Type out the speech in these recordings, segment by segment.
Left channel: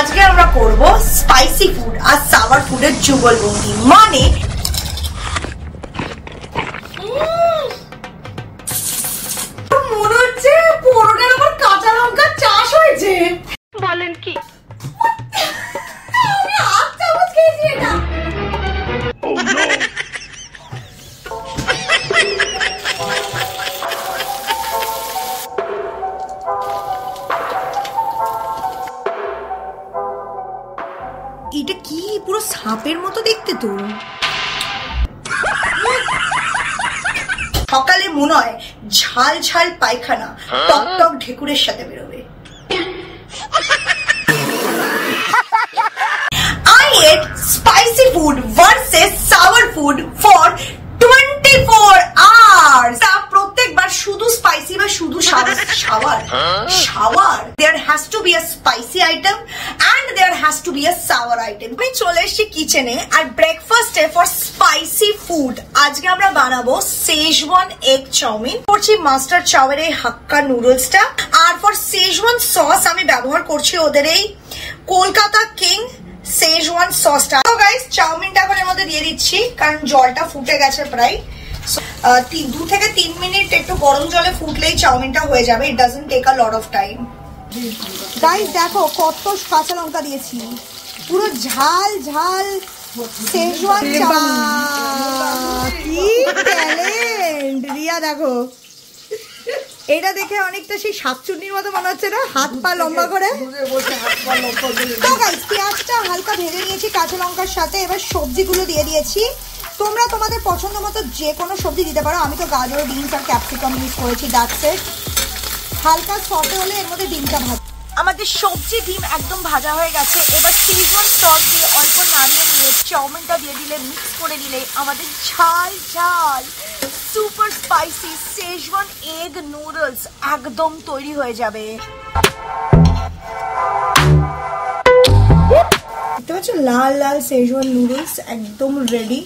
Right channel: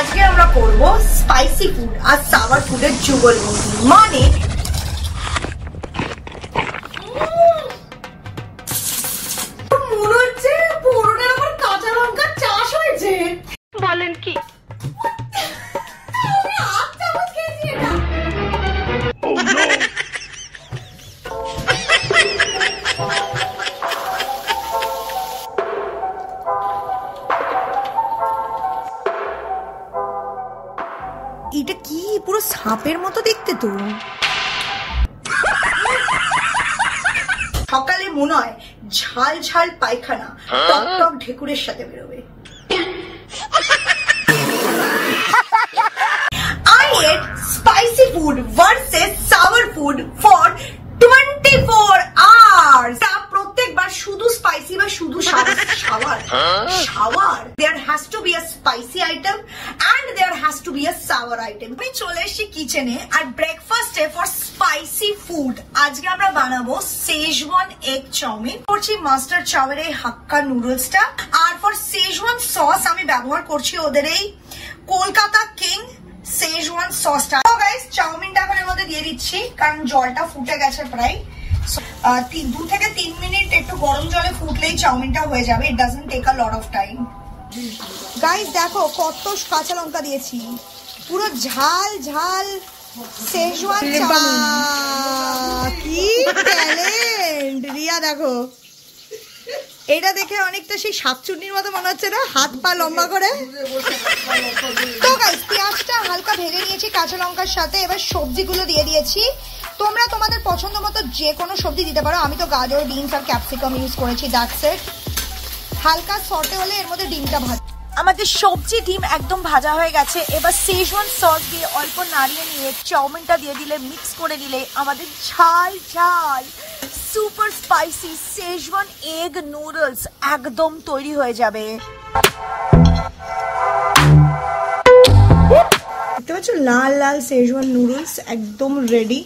আজকে আমরা করব স্পাইসি ফুড আর সাওয়ার ফুডের যুগলবন্দি। মানে মনে হচ্ছে পুরোটার আমার কাঁচা লঙ্কার চাষ হয়েছে। বলেন কি? আমি হাত চামচ খেয়েছি এটা। এটা কি পুরো সাপের মতো দেখতে তো। সকালে মনে হয় ঝাল ঝাল পায়খানা টক টক ঢেকুরের সাথে বেরোবে। I ate spicy food versus sour food for 24 hours. প্রত্যেকবার শুধু স্পাইসি বা শুধু sour there has to be a spicy item and there has to be a sour item. আমি চলে এসেছি কিচেনে আর ব্রেকফাস্টে ফর স্পাইসি ফুড আজকে আমরা বানাবো সেজওয়ান এগ চাউমিন। করছি মাস্টার চাওয়ের এই হাক্কা নুডলসটা। আর ফর সেজওয়ান সস আমি ব্যবহার করছি ওদের এই কলকাতা কিং সেজওয়ান সসটা। তো গাইস চাউমিনটা এখন এর মধ্যে দিয়ে দিচ্ছি কারণ জলটা ফুটে গেছে প্রায়। 2 থেকে 3 মিনিট একটু গরম জলে ফুটলেই চাউমিনটা হয়ে যাবে। It doesn't take a lot of time. Guys দেখো কত কাঁচা লঙ্কা দিয়েছি, পুরো ঝাল ঝাল সেজওয়ান চাউমিন। কি ট্যালেন্ট রিয়া, দেখো এটা দেখে অনেকটা সেই শাকচুন্নির মতো মনে হচ্ছে না, হাত পা লম্বা করে। তো গাইস পেঁয়াজটা হালকা ভেজে নিয়েছি কাঁচা লঙ্কার সাথে। এবার সবজিগুলো দিয়ে দিয়েছি। তোমরা তোমাদের পছন্দ মতো যে কোনো সবজি দিতে পারো। আমি তো গাজর, বিনস আর ক্যাপসিকাম ইউজ করেছি। That's it. হালকা সটে হলে এর মধ্যে ডিমটা ভাজা। আমাদের সবজি ডিম একদম ভাজা হয়ে গেছে। এবার সেজওয়ান সস দিয়ে অল্প নাড়িয়ে নিয়ে চাউমিনটা দিয়ে দিলে, মিক্স করে দিলে আমাদের ঝাল ঝাল super spicy Schezwan egg noodles একদম তৈরি হয়ে যাবে। দেখতে পাচ্ছ লাল লাল সেজওয়ান নুডলস একদম রেডি।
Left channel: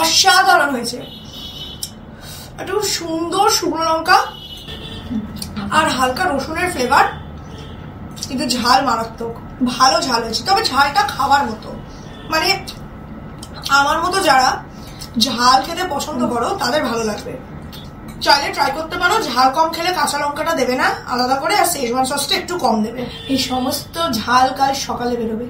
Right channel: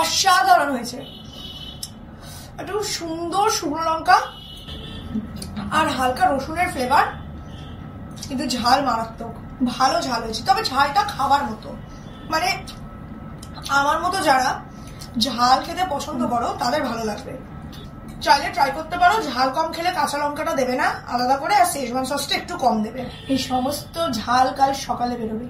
অসাধারণ হয়েছে। একটু সুন্দর শুকনো লঙ্কা আর হালকা রসুনের ফ্লেভার, কিন্তু ঝাল মারাত্মক, ভালো ঝাল হয়েছে। তবে ঝালটা খাবার মতো, মানে আমার মতো যারা ঝাল খেতে পছন্দ করো তাদের ভালো লাগবে। চাইলে ট্রাই করতে পারো। ঝাল কম খেলে কাঁচা লঙ্কাটা দেবে না আলাদা করে, আর সেজওয়ান সসটা একটু কম দেবে। এই সমস্ত ঝাল কাল সকালে বেরোবে।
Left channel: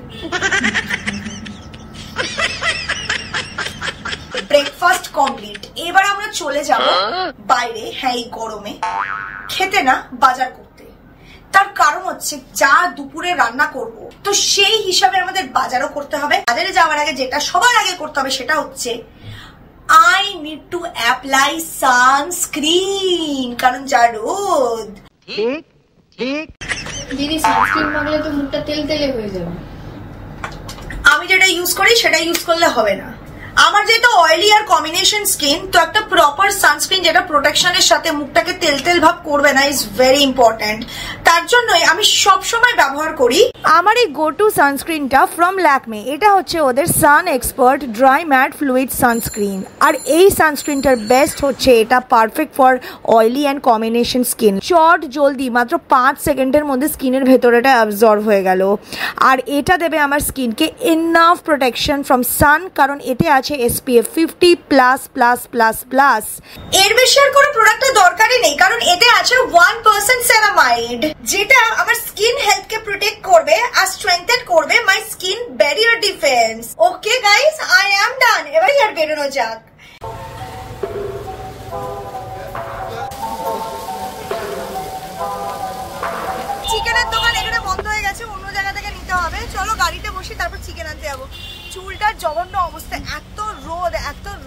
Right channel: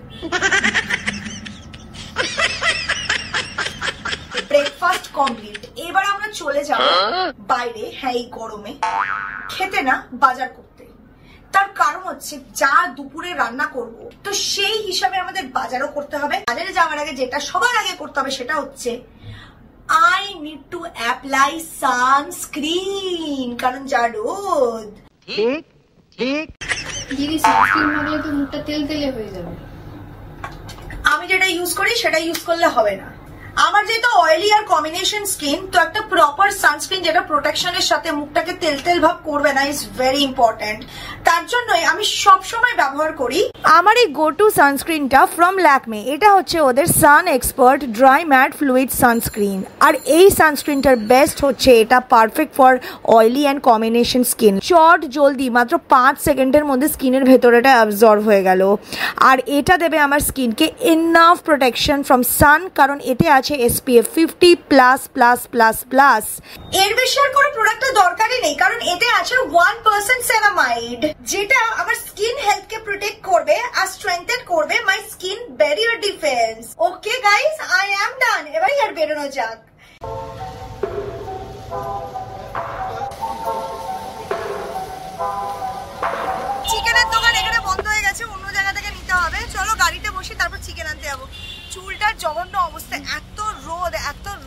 Breakfast complete. এবার আমরা চলে যাব বাইরে, হ্যাঁ এই গরমে খেতে না বাজার করতে। তার কারণ হচ্ছে যা দুপুরে রান্না করব তো সেই হিসাবে আমাদের বাজারও করতে হবে। বাজারে যাওয়ার আগে যেটা সবার আগে করতে হবে সেটা হচ্ছে I need to apply sunscreen, কারণ যা রোদ। ঠিক ঠিক দিদি সানস্ক্রিন মাখলে তো মুখটা তেলতেলে হয়ে যাবে। আমি যেটা ইউজ করি সেটা ইউজ করলে হবে না। আমার যেহেতু অয়েলি আর কম্বিনেশন স্কিন, তো একটা প্রপার সানস্ক্রিন যেটা প্রোটেকশনের সাথে মুখটাকে তেল ভাব করবে না ইজ ভেরি ইম্পর্টেন্ট। তার জন্যই আমি সবসময় ব্যবহার করি আমার এই গো টু সানস্ক্রিনটা ফ্রম ল্যাকমে। এটা হচ্ছে ওদের sun expert dry matte fluid sunscreen. আর এই সানস্ক্রিনটার বেস্ট হচ্ছে এটা perfect for oily and combination skin. চট জলদি মাত্র 5 সেকেন্ডের মধ্যে স্কিনের ভেতরেটা অ্যাবজর্ব হয়ে গেল। আর এটা দেবে আমার স্কিনকে ইনাফ প্রোটেকশন ফ্রম সান, কারণ এতে আছে SPF 50++++। এর বেশি আর কোনো প্রোডাক্টের দরকারই নেই, কারণ এতে আছে 1% সেরামাইড, যেটা আমার স্কিন হেলথকে প্রোটেক্ট করবে আর স্ট্রেংথেন করবে my skin barrier defence. Okay guys, I am done. এবার আর বেরোনো যাক। চিকেনের দোকান এখানে বন্ধ হয়ে গেছে, অন্য জায়গা থেকে নিতে হবে। চলো গাড়িতে বসি, তারপর চিকেন আনতে যাবো। চুলটার জঘন্য অবস্থা, এত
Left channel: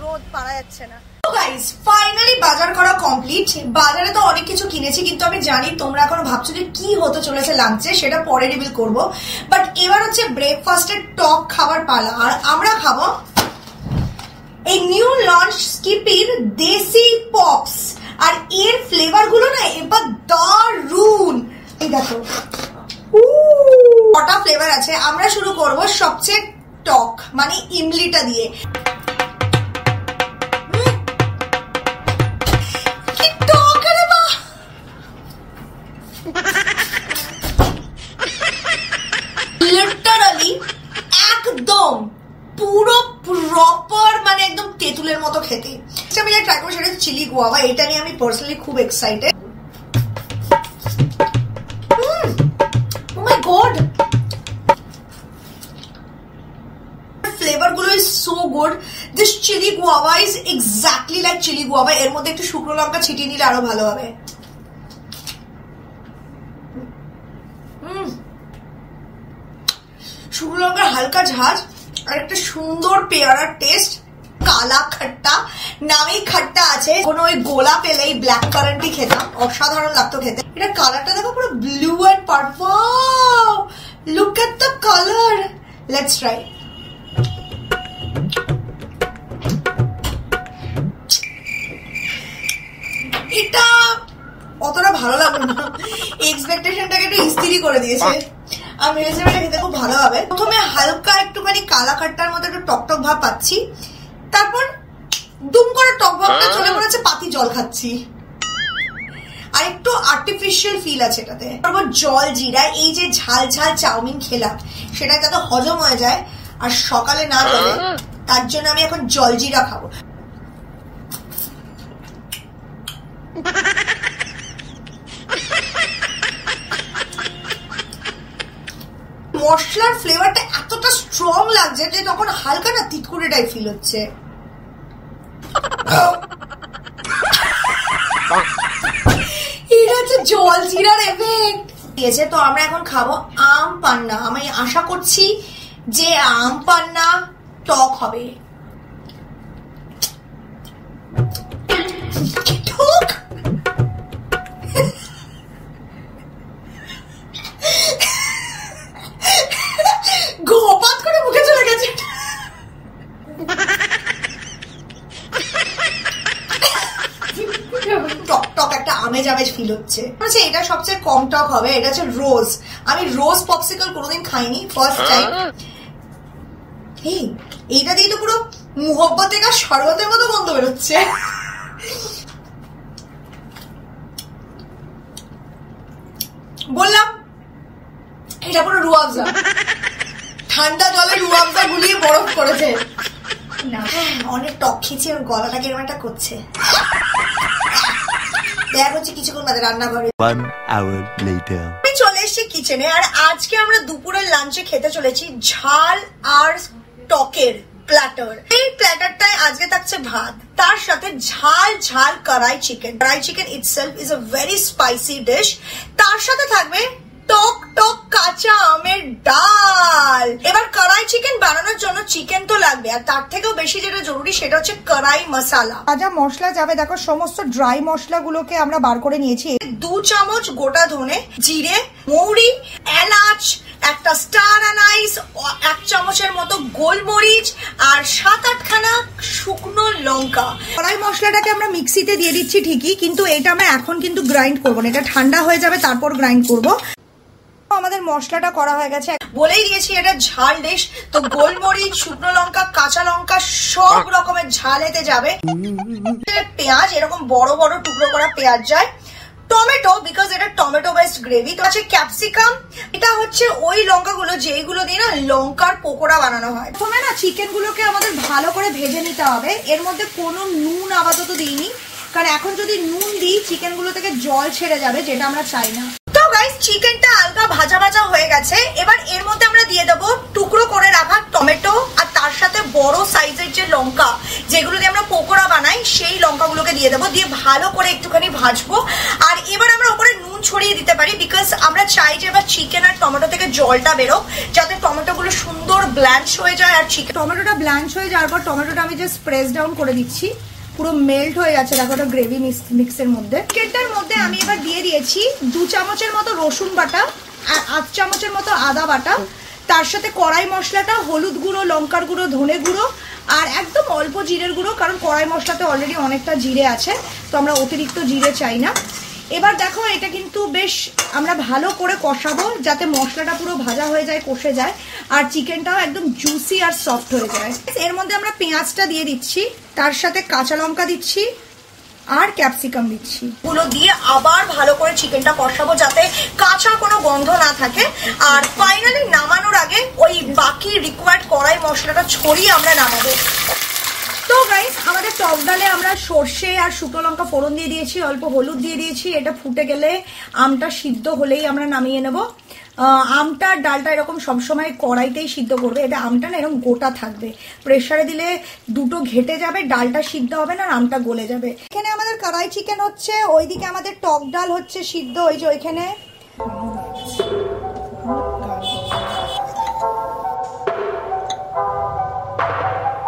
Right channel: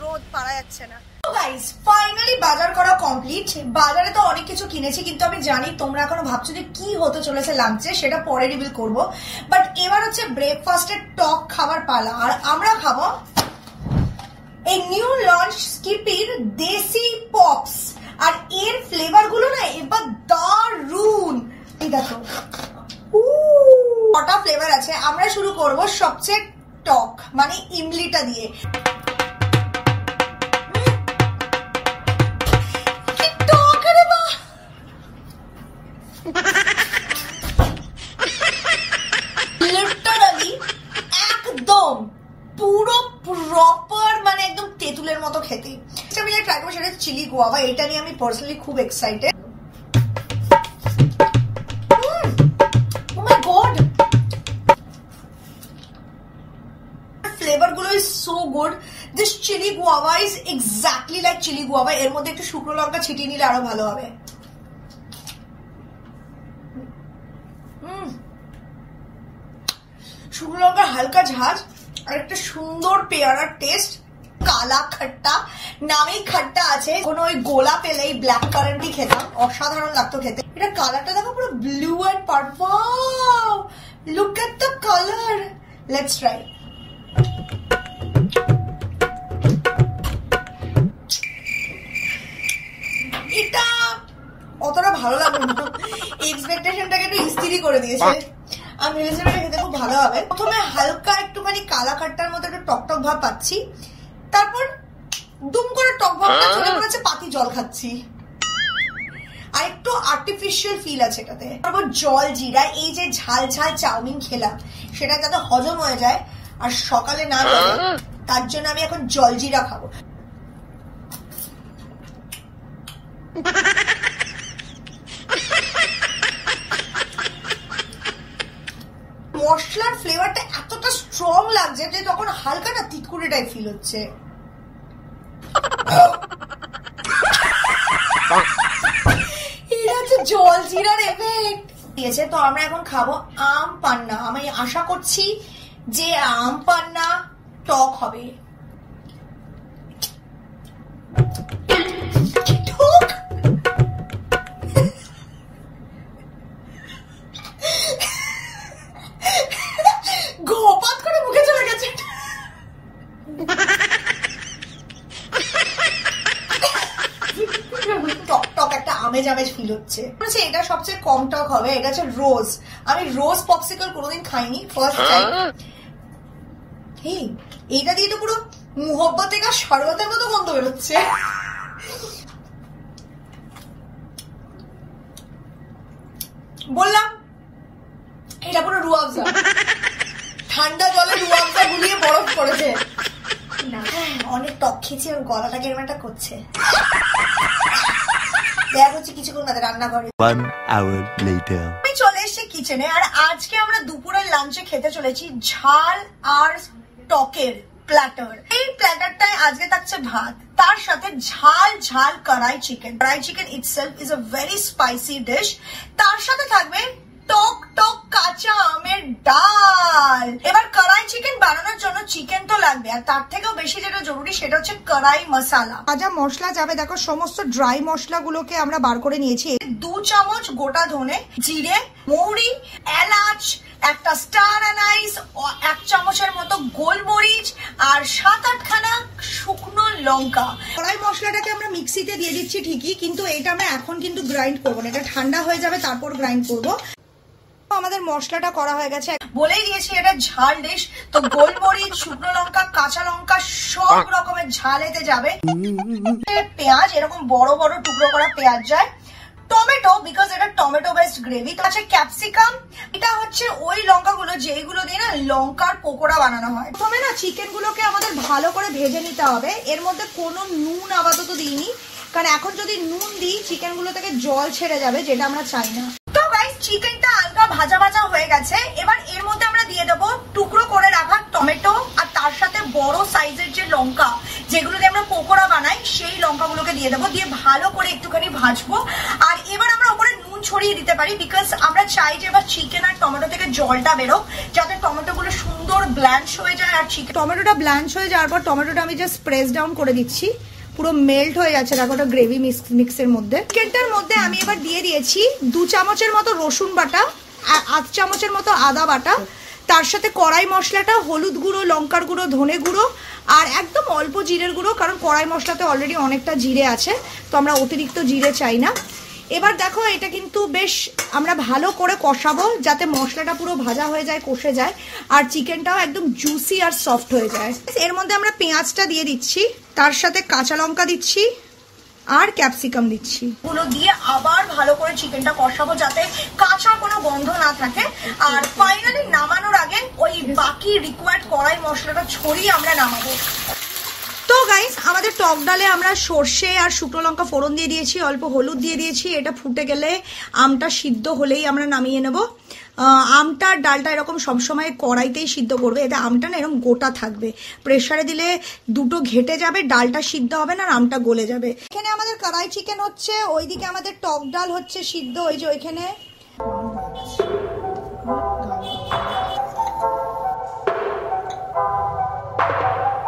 রোদ পারা যাচ্ছে না। গাইস ফাইনালি বাজার করা কমপ্লিট। বাজারে তো অনেক কিছু কিনেছি, কিন্তু আমি জানি তোমরা এখনো ভাবছো যে কি হতে চলেছে লাঞ্চে, সেটা পরে রিভিল করব। বাট এবার হচ্ছে ব্রেকফাস্টের টক খাবার পালা। আর আমরা খাবো এই নিউ লঞ্চ স্কিপির দেশি পপস। আর এর ফ্লেভার গুলো না এবার দারুন। এই দেখো কটা ফ্লেভার আছে। আমরা শুরু করব সবচেয়ে টক মানে ইমলিটা দিয়ে। তেঁতুলের মতো খেতে। আমি যা ট্রাই করবো সেটা চিলি গুয়াভা, এটা নিয়ে আমি পার্সোনালি খুব excited. Oh my God, flavour গুলো is so good. This chilli guava is exactly like chilli guava. এর মধ্যে একটু শুকনো লঙ্কা ছিটিয়ে নিলে আরো ভালো হবে। শুকনো লঙ্কার হালকা ঝাঁজ আর একটা সুন্দর পেয়ারার টেস্ট। কালা খট্টা, নামেই খট্টা আছে। কোনো ওই গোলা পেলে এই ব্ল্যাক কারেন্টই খেতাম, অসাধারণ লাগতো খেতে। এটা কালারটা দেখো পুরো blue and purple. Look at the colour. Let's try. এটা অতটা ভালো লাগলো না, এক্সপেকটেশনটাকে একটু ইস্তিরি করে দিয়েছে। আমি ভেবেছিলাম এটা খেতে খুব ভালো হবে। প্রথমে হালকা একটুখানি কালা খাট্টার মতো একটু টকটক ভাব পাচ্ছি, তারপর দুম করে টক ভাবটা চলে মনে হচ্ছে পাতি জল খাচ্ছি, আর একটু আর্টিফিশিয়াল ফিল আছে এটাতে। তারপর জল জিরা, এই যে ঝাল ঝাল চাউমিন খেলাম সেটা যাতে হজম হয়ে যায় আর সকালে না চলে, তার জন্য আমি এখন জল জিরা খাবো। মশলার ফ্লেভারটা এতটা স্ট্রং লাগছে যে তখন হালকা না তিতকুড়ে টাইপ ফিল হচ্ছে। এটা হচ্ছে জল জিরার এফেক্ট দিয়েছে। তো আমরা এখন খাবো আম পান্না। আমি আশা করছি যে আম পান্না টক হবে। টক গোপাত করে মুখে চলে গেছে। টক টক একটা আমেজ আমেজ ফিল হচ্ছে। আচ্ছা, এটা সবচেয়ে কম টক হবে। এটা হচ্ছে রোজ। আমি রোজ পপসিকল কোনোদিন খাইনি, ফার্স্ট টাইম। এইটা দিয়ে তো পুরো মুহব্বতে কা শরবতের মতো গন্ধ বেরোচ্ছে। বললাম এটা পুরো রুয়াবজা, ঠান্ডা জলে রুয়াবজা গুলিয়ে বরফ করেছে। অনেক টক খেয়েছি আর গলাটা কেমন একটা করছে। দেখা হচ্ছে কিছুক্ষণ বাদে রান্নাঘরে। আমি চলে এসেছি কিচেনে, আর আজকে আমরা দুপুরের লাঞ্চে খেতে চলেছি ঝাল আর টকের প্ল্যাটার। এই প্ল্যাটারটায় আজকে থাকছে ভাত, তার সাথে ঝাল ঝাল কড়াই চিকেন। কড়াই chicken itself is a very spicy dish. তার সাথে থাকবে টক টক কাঁচা আমের ডাল। এবার কড়াই চিকেন বানানোর জন্য চিকেন তো লাগবে, আর তার থেকেও বেশি যেটা জরুরি সেটা হচ্ছে কড়াই মশলা। যা মশলা যাবে দেখো, সমস্ত ড্রাই মশলাগুলোকে আমরা বার করে নিয়েছি। 2 চামচ গোটা ধনে, জিরে, মৌরি, এলাচ, একটা স্টার অ্যানাইস, 1 চামচের মতো গোলমরিচ, আর 7-8 খানা শুকনো লঙ্কা। কড়াই মশলাটাকে আমরা মিক্সিতে দিয়ে দিচ্ছি ঠিকই, কিন্তু এটা আমরা এখন কিন্তু গ্রাইন্ড করবো না, এটা ঠান্ডা হয়ে যাবে তারপর গ্রাইন্ড করবো। আমাদের মশলাটা করা হয়ে গেছে। বলেই দিয়েছি এটা ঝাল ডিশ, তো গোলমরিচ, শুকনো লঙ্কা, কাঁচা লঙ্কা সব রকমের ঝাল এতে যাবে। পেঁয়াজ, এরকম বড় বড় টুকরো করা পেঁয়াজ যায়। টমেটো, বিকজ এটা টমেটো বেসড গ্রেভি। তো আছে ক্যাপসিকাম। এটা হচ্ছে ওই লঙ্কাগুলো যেইগুলো দিয়ে না লঙ্কার পকোড়া বানানো হয়। প্রথমে না চিকেন গুলোকে আমাদের ভালো করে ভেজে নিতে হবে। এর মধ্যে কোনো নুন আপাতত দিইনি, কারণ এখন যদি নুন দিই চিকেন গুলো থেকে জল ছেড়ে যাবে, যেটা আমরা চাই না। তো গাইস, চিকেনটা হালকা ভাজা ভাজা হয়ে গেছে। এবার এর মধ্যে আমরা দিয়ে দেবো টুকরো করে রাখা টমেটো, আর তার সাথে বড় সাইজের যে লঙ্কা যেগুলো দিয়ে আমরা পকোড়া বানাই সেই লঙ্কাগুলোকে দিয়ে দেবো। দিয়ে ভালো করে একটুখানি ভাজবো। আর এবার আমরা ওপরে নুন ছড়িয়ে দিতে পারি, বিকজ আমরা চাই যে এবার চিকেন আর টমেটো থেকে জলটা বেরোক, যাতে টমেটোগুলো সুন্দর ব্ল্যাঞ্চ হয়ে যায়। আর চিকেন টমেটোটা ব্ল্যাঞ্চ হয়ে যাওয়ার পর টমেটোটা আমি জাস্ট প্রেস ডাউন করে দিচ্ছি, পুরো মেল্ট হয়ে যাচ্ছে। দেখো ওটা গ্রেভি মিক্সের মধ্যে। চিকেনটার মধ্যে আমি এবার দিয়ে দিয়েছি 2 চামচের মতো রসুন বাটা, 8 চামচের মতো আদা বাটা, তার সাথে কড়াই মশলাটা, হলুদ গুঁড়ো, লঙ্কার গুঁড়ো, ধনে গুঁড়ো, আর একদম অল্প জিরের গুঁড়ো, কারণ কড়াই মশলাতে অলরেডি অনেকটা জিরে আছে, তো আমরা অতিরিক্ত জিরে চাই না। এবার দেখো এটা কিন্তু বেশ আমরা ভালো করে কষাবো, যাতে মশলাটা পুরো ভাজা হয়ে যায়, কষে যায়, আর চিকেনটাও একদম জুসি আর সফট হয়ে যায়। এর মধ্যে আমরা পেঁয়াজটা দিয়ে দিচ্ছি, তার সাথে কাঁচা লঙ্কা দিচ্ছি, আর ক্যাপসিকাম দিচ্ছি। গুলো দিয়ে আবার ভালো করে চিকেনটা কষাবো, যাতে কাঁচা কোনো গন্ধ না থাকে। আর ফাইনালি নামানোর আগে ওই বাকি রিকোয়ার্ড কড়াই মশলাটা ছড়িয়ে আমরা নামাবো। তো গাইস আমাদের টক ডালে আমরা সর্ষে আর শুকনো লঙ্কা ফোড়ন দিয়ে দিয়েছি, অল্প হলুদ দিয়ে দিয়েছি। এটা ফুটে গেলে আমটা সিদ্ধ হলেই আমরা নামিয়ে নেব। আমটা আর ডালটা এরকম সবসময় কড়াইতেই সিদ্ধ করবে, এতে আমটা না এরকম গোটা থাকবে। প্রেসারে দিলে দুটো ঘেটে যাবে, ডালটা সিদ্ধ হবে না আর আমটা গলে যাবে। এখানে আমাদের কড়াই চিকেন হচ্ছে, ওইদিকে আমাদের টক ডাল হচ্ছে সিদ্ধ। ওই যে ওইখানে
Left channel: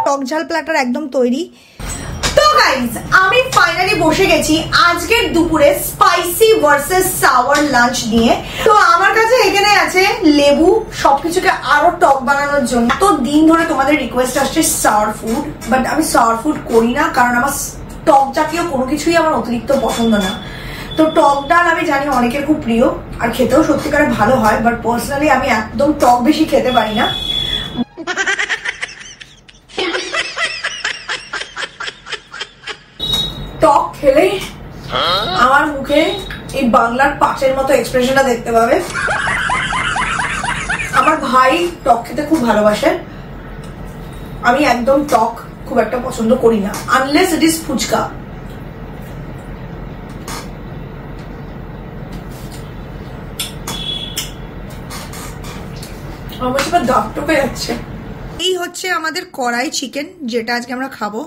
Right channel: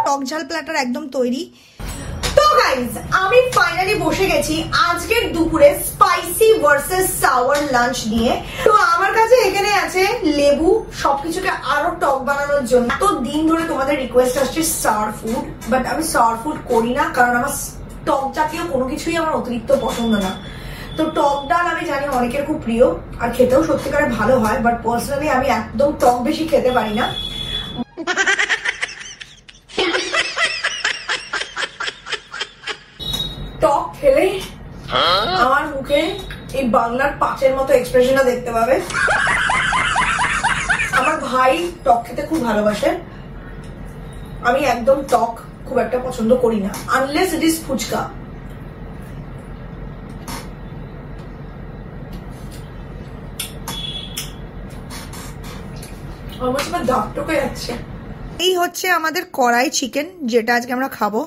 টক ঝাল প্ল্যাটার একদম তৈরি। তো গাইজ আমি ফাইনালি বসে গেছি আজকের দুপুরে স্পাইসি ভার্সেস সাওয়ার লাঞ্চ নিয়ে। তো আমার কাছে এখানে আছে লেবু, সবকিছুকে আরো টক বানানোর জন্য। এত দিন ধরে তোমাদের রিকোয়েস্ট আসছে সাওয়ার ফুড, বাট আমি সাওয়ার ফুড করি না, কারণ আমার টক জাতীয় কোনো কিছুই আমার অতিরিক্ত পছন্দ না। তো টক ডাল আমি জানি অনেকের খুব প্রিয় আর খেতেও সত্যিকারে ভালো হয়, বাট পার্সোনালি আমি একদম টক বেশি খেতে পারি না। টক খেলেই আমার মুখে এই বাংলার পাঁচের মতো এক্সপ্রেশনটা দেখতে পাবে। আমার ভাই টক খেতে খুব ভালোবাসে, আমি একদম টক খুব একটা পছন্দ করি না, আনলেস ইট ইজ ফুচকা। আমার এবার দাঁত টকে যাচ্ছে। এই হচ্ছে আমাদের কড়াই চিকেন, যেটা আজকে আমরা খাবো।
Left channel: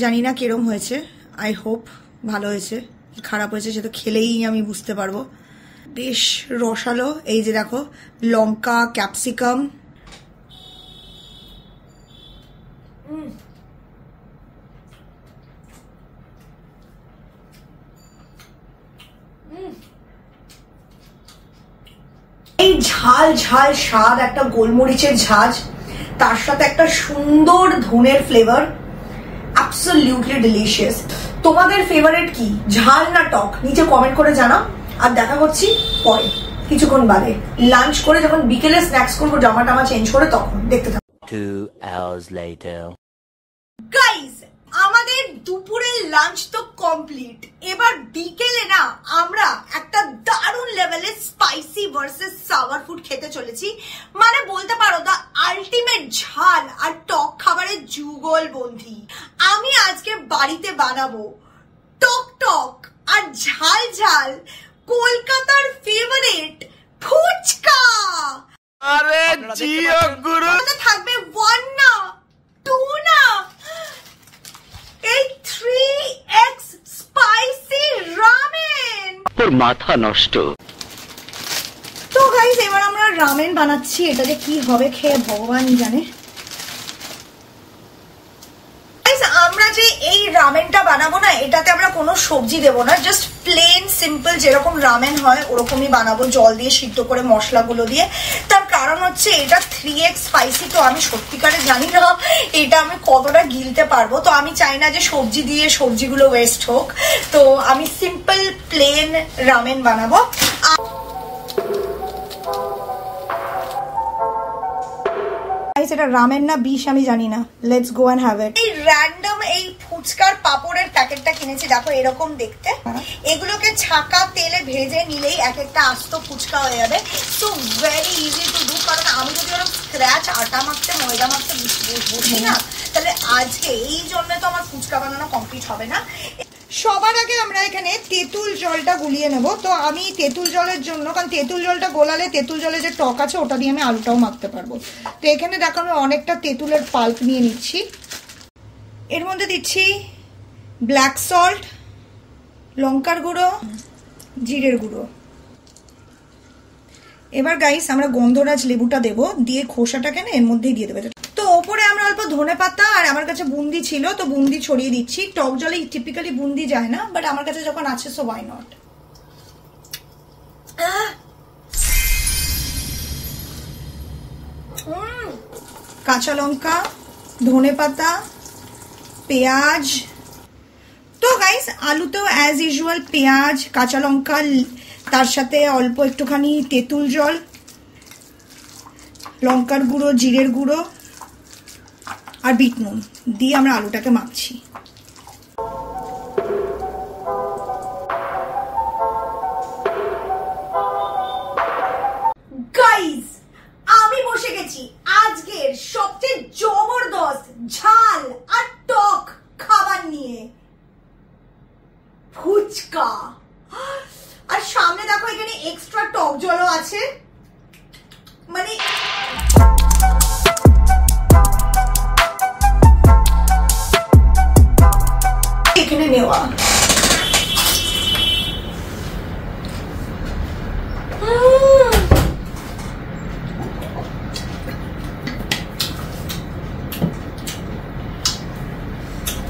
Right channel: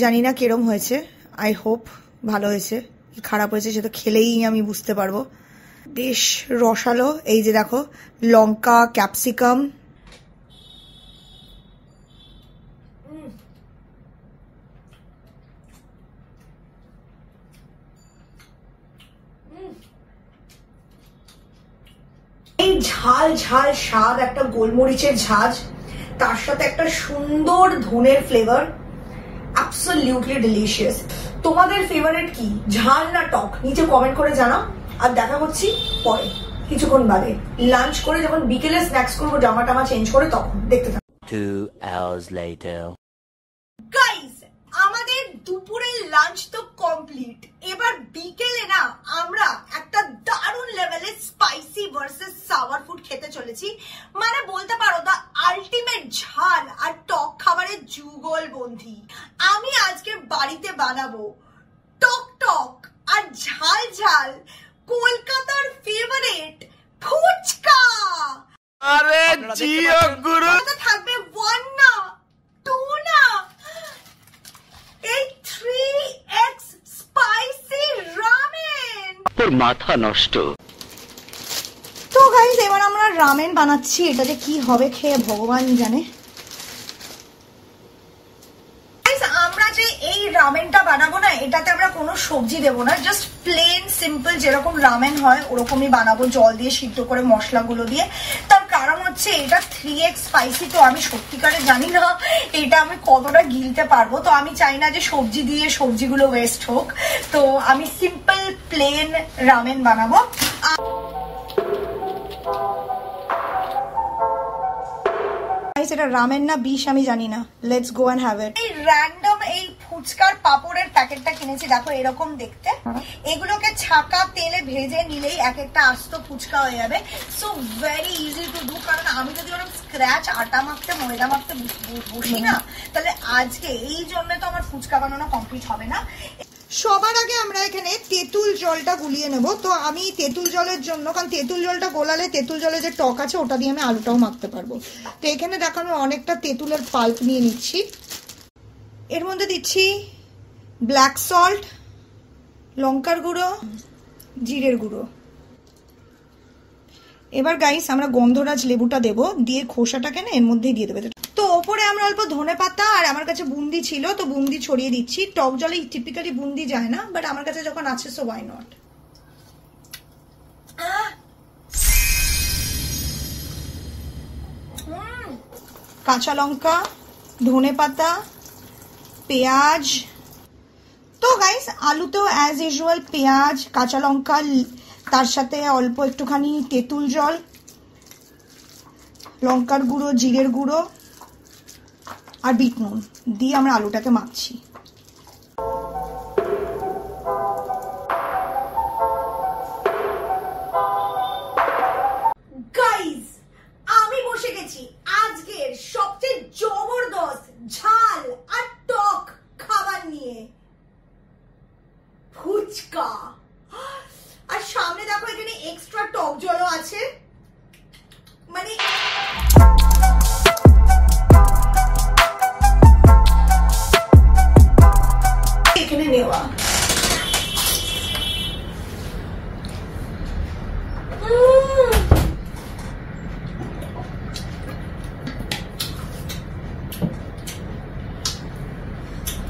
জানি না কিরম হয়েছে, আই হোপ ভালো হয়েছে। কি খারাপ হয়েছে সেটা খেলেই আমি বুঝতে পারবো। বেশ রসালো, এই যে দেখো লঙ্কা, ক্যাপসিকাম, এই ঝাল ঝাল স্বাদ, একটা গোলমরিচের ঝাঁজ, তার সাথে একটা সুন্দর ধনের ফ্লেভার, অ্যাবসলিউটলি ডিলিশিয়াস। তোমাদের ফেভারিট কি, ঝাল না টক? নিচে কমেন্ট করে জানাও। আর দেখা করছি পরে কিছুক্ষণ বাদে, লাঞ্চ করে যখন বিকেলে স্ন্যাক্স করবো, জামা টামা চেঞ্জ করে, তখন দেখতে থাকো। 2 hours later. গাইস আমাদের দুপুরের লাঞ্চ তো কমপ্লিট। এবার বিকেলে না আমরা একটা দারুণ লেভেলের স্পাইসি ভার্সেস সাওয়ার ফুড খেতে চলেছি। মানে বলতে পারো দা আলটিমেট ঝাল আর টক খাবারের যুগল বন্ধি। আমি আজকে বাড়িতে বানাবো টক টক আর ঝাল ঝাল কলকাতার ফেভারিট ফুচকা। আরে জিও গুরু, থাকবে 1 না 2 না, এই 3x স্পাইসি রামেন। তোর মাথা নষ্ট। তো গাইস এবার আমরা রামেন বানাচ্ছি, এটা যে কি হবে খেয়ে ভগবান জানে। আমরা যে এই রামেনটা বানাবো না, এটাতে আমরা কোনো সবজি দেবো না, জাস্ট প্লেন সিম্পল যেরকম রামেন হয় ওরকমই বানাবো, জল দিয়ে সিদ্ধ করে মশলাগুলো দিয়ে। তার কারণ হচ্ছে এটা 3x স্পাইসি, তো আমি সত্যিকারে জানি না এটা আমি কতটা গিলতে পারবো। তো আমি চাই না যে সবজি দিয়ে সবজিগুলো ওয়েস্ট হোক, তো আমি সিম্পল প্লেন রামেন বানাবো। এটা রামেন না বিষ আমি জানি না, let's go and have it. এই র্যান্ডম এই ফুচকার পাপড়ের প্যাকেটটা কিনেছি, দেখো এরকম দেখতে। এগুলোকে ছাকা তেলে ভেজে নিলেই এক একটা আস্ত ফুচকা হয়ে যাবে। So very easy to do, কারণ আমি যদি ওরকম স্ক্র্যাচ আটা মাখতে ময়দা মাখতে বসি না, তাহলে আজকে এই জন্য তো আমার ফুচকা বানানো কমপ্লিট হবে না। সবার আগে আমরা এখানে তেঁতুল জলটা গুলিয়ে নেব। তো আমি তেঁতুল জলের জন্য, কারণ তেঁতুল জলটা গোলালে তেঁতুল জলে যে টক আছে ওটা দিয়ে আমি আলুটাও মাখতে পারবো। তো এখানে দেখো আমি অনেকটা তেঁতুলের পাল্প নিয়ে নিচ্ছি। এর মধ্যে দিচ্ছি ব্ল্যাক সল্ট, লঙ্কার গুঁড়ো, জিরের গুঁড়ো। এবার গাইস আমরা গন্ধরাজ লেবুটা দেবো, দিয়ে খোসাটাকে না এর মধ্যেই দিয়ে দেবে। তো ওপরে আমরা অল্প ধনে পাতা, আর আমার কাছে বুন্দি ছিল তো বুন্দি ছড়িয়ে দিচ্ছি। টক জলে টিপিক্যালি বুন্দি যায় না, বাট আমার কাছে যখন আছে সো ওয়াই নট। কাঁচা লঙ্কা, ধনে পাতা, পেঁয়াজ। তো গাইস আলুতেও অ্যাজ ইউজুয়াল পেঁয়াজ, কাঁচা লঙ্কা, তার সাথে অল্প একটুখানি তেঁতুল জল, লঙ্কার গুঁড়ো, জিরের গুঁড়ো আর বিট নুন দিয়ে আমরা আলুটাকে মাখছি। গাইস আমি বসে গেছি আজকের সবচেয়ে জবরদস্ত ঝাল আর টক ফুচকা, আর সামনে দেখো এখানে এক্সট্রা টক জলও আছে। মানে এখানে নেওয়া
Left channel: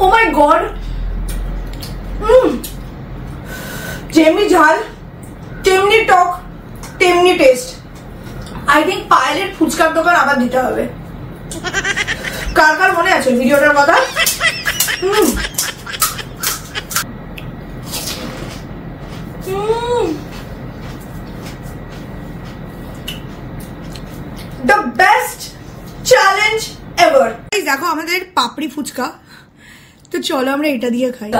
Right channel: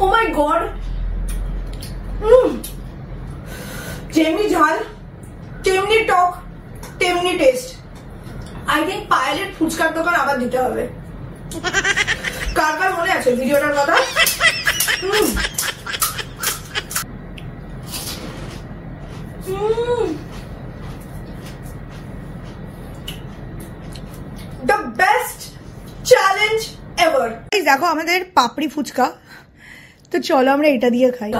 ও মাই গড, যেমনি ঝাল তেমনি টক তেমনি টেস্ট। আই থিঙ্ক পায়েলের ফুচকার দোকান আবার দিতে হবে। কার কার মনে আছে ভিডিওটার কথা? The best challenge ever. দেখো আমাদের পাপড়ি ফুচকা, তো চলো আমরা এটা দিয়ে খাই।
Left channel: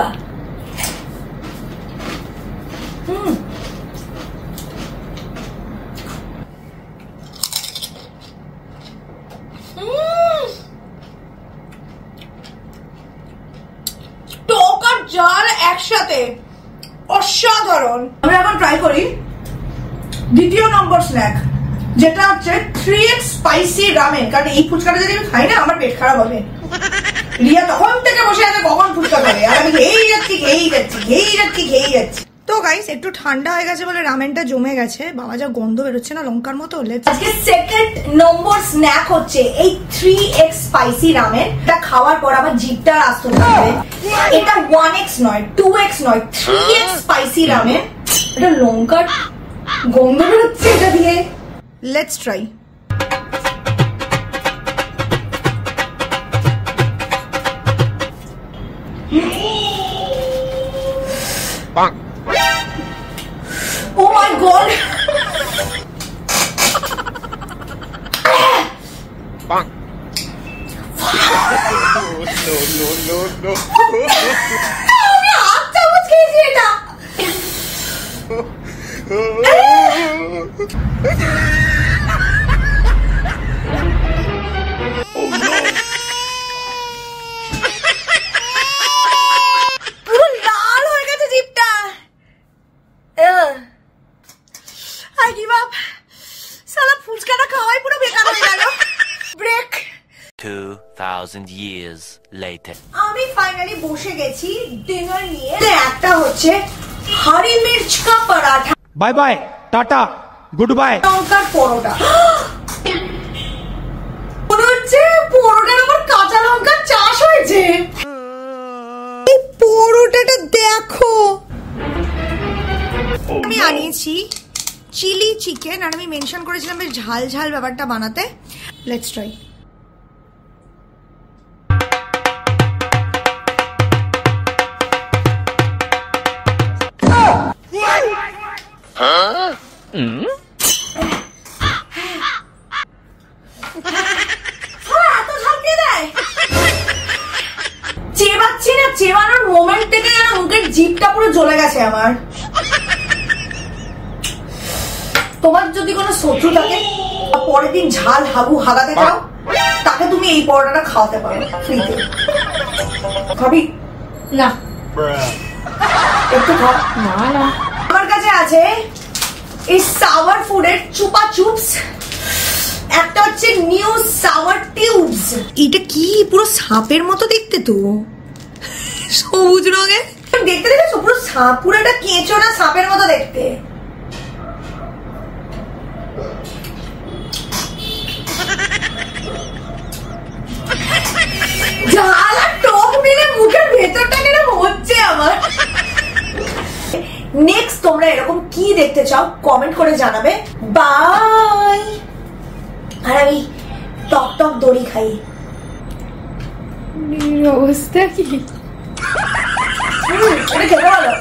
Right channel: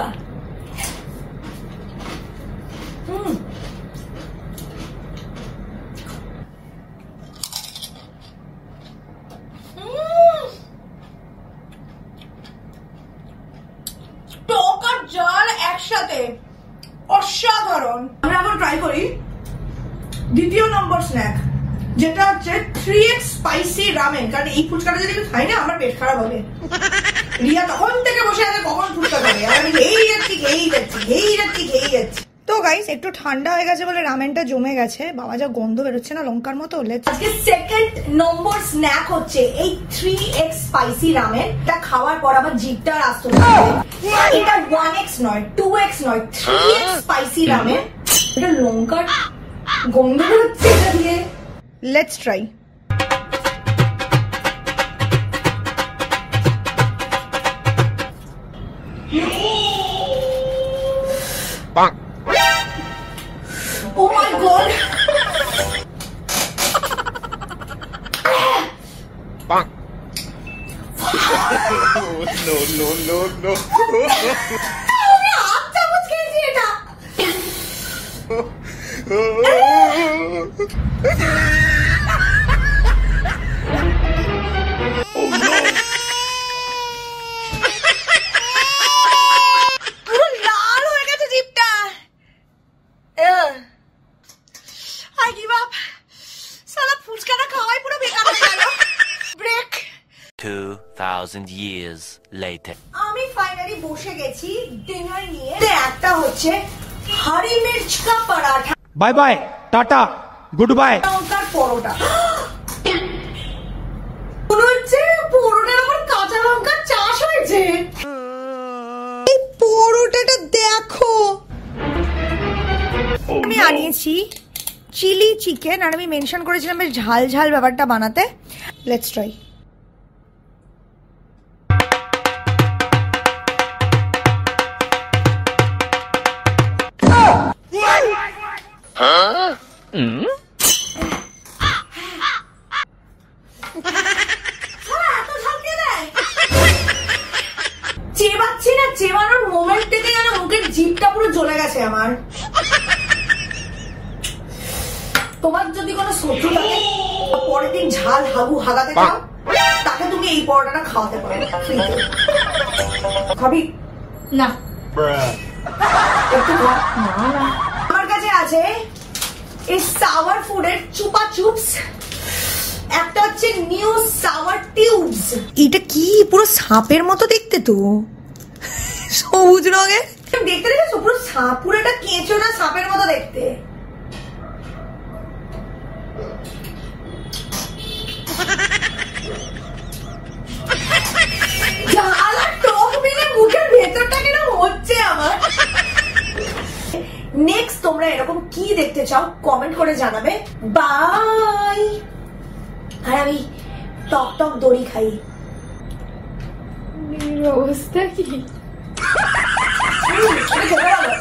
টক আর ঝাল একসাথে অসাধারণ। আমরা এখন ট্রাই করি দ্বিতীয় নম্বর স্ন্যাক, যেটা হচ্ছে 3x স্পাইসি রামেন। কারণ এই ফুচকাটা যদি আমি খাই না আমার পেট খারাপ হবে। রিয়া তখন থেকে বসে আছে কখন ফুচকা খাবে, আর আমি খেয়েই যাচ্ছি। তো গাইস একটু ঠান্ডা হয়ে গেছে বলে রামেনটা জমে গেছে। বাবা যা গন্ধ বেরোচ্ছে না লঙ্কার মতো। আজকে সেকেন্ড নম্বর স্ন্যাক হচ্ছে এই 3x স্পাইসি রামেন। এটা খাওয়ার পর আমার জিভটা আসতে হবে। এটা 1x নয়, 2x নয়, 3x স্পাইসি রামেন। এটা লঙ্কার গন্ধ বেরোচ্ছে এটা দিয়ে। Let's try. Oh my god! Bang! No. আমি হাত চামচ খেয়েছি এটা। পুরো লাল হয়ে গেছে জিভটা। I give up. সালা ফুচকাটা খাওয়াই পুরো বেকার হয়ে গেল। ব্রেক। 2000 years later. আমি ফাইনালি বসে গেছি ডিনার নিয়ে। একটা হচ্ছে হরি মির্চ কা paratha. Bye bye tata goodbye. লঙ্কার পরোটা। মনে হচ্ছে পরোটার আমার কাঁচা লঙ্কার চাষ হয়েছে। এই পরোটাটা দেখো। আমি আনিয়েছি চিলি চিকেন, আর আমি মেনশন করেছিলাম বেশ ঝাল ঝাল ব্যাপারটা বানাতে। Let's try. এত ঝাল কে দেয়? চেবাচ্ছি না, চেবানোর মোমেন্ট থেকে যেন মুখের জিভটা পুরো জ্বলে গেছে আমার। তোমার যদি কোনো শত্রু থাকে, পরের দিন ঝাল হাগু হাগাতে চাও, তাকে তুমি এই পরোটাটা খাওয়াতে পারো ফ্রিতে। খাবি না একটু খা। না আমার কাছে আছে এই সাওয়ার ফুডের চুপা চুপস, একটা হচ্ছে নিউ সাওয়ার টিউবস। এটা কি পুরো সাপের মতো দেখতে, তো সবুজ রঙের দেখতে। দেখেছো পুরো সাপ, পুরো একটা কেঁচো না সাপের মতো দেখতে। ঝাল আর টক মিলে মুখের ভেতরটা কেন হচ্ছে আমার। নেক্সট তোমরা এরকম কি দেখতে চাও কমেন্ট করে জানাবে। বাই। আর আমি টক টক দড়ি খাই। অবস্থা কি? এটা খেতে ভালো।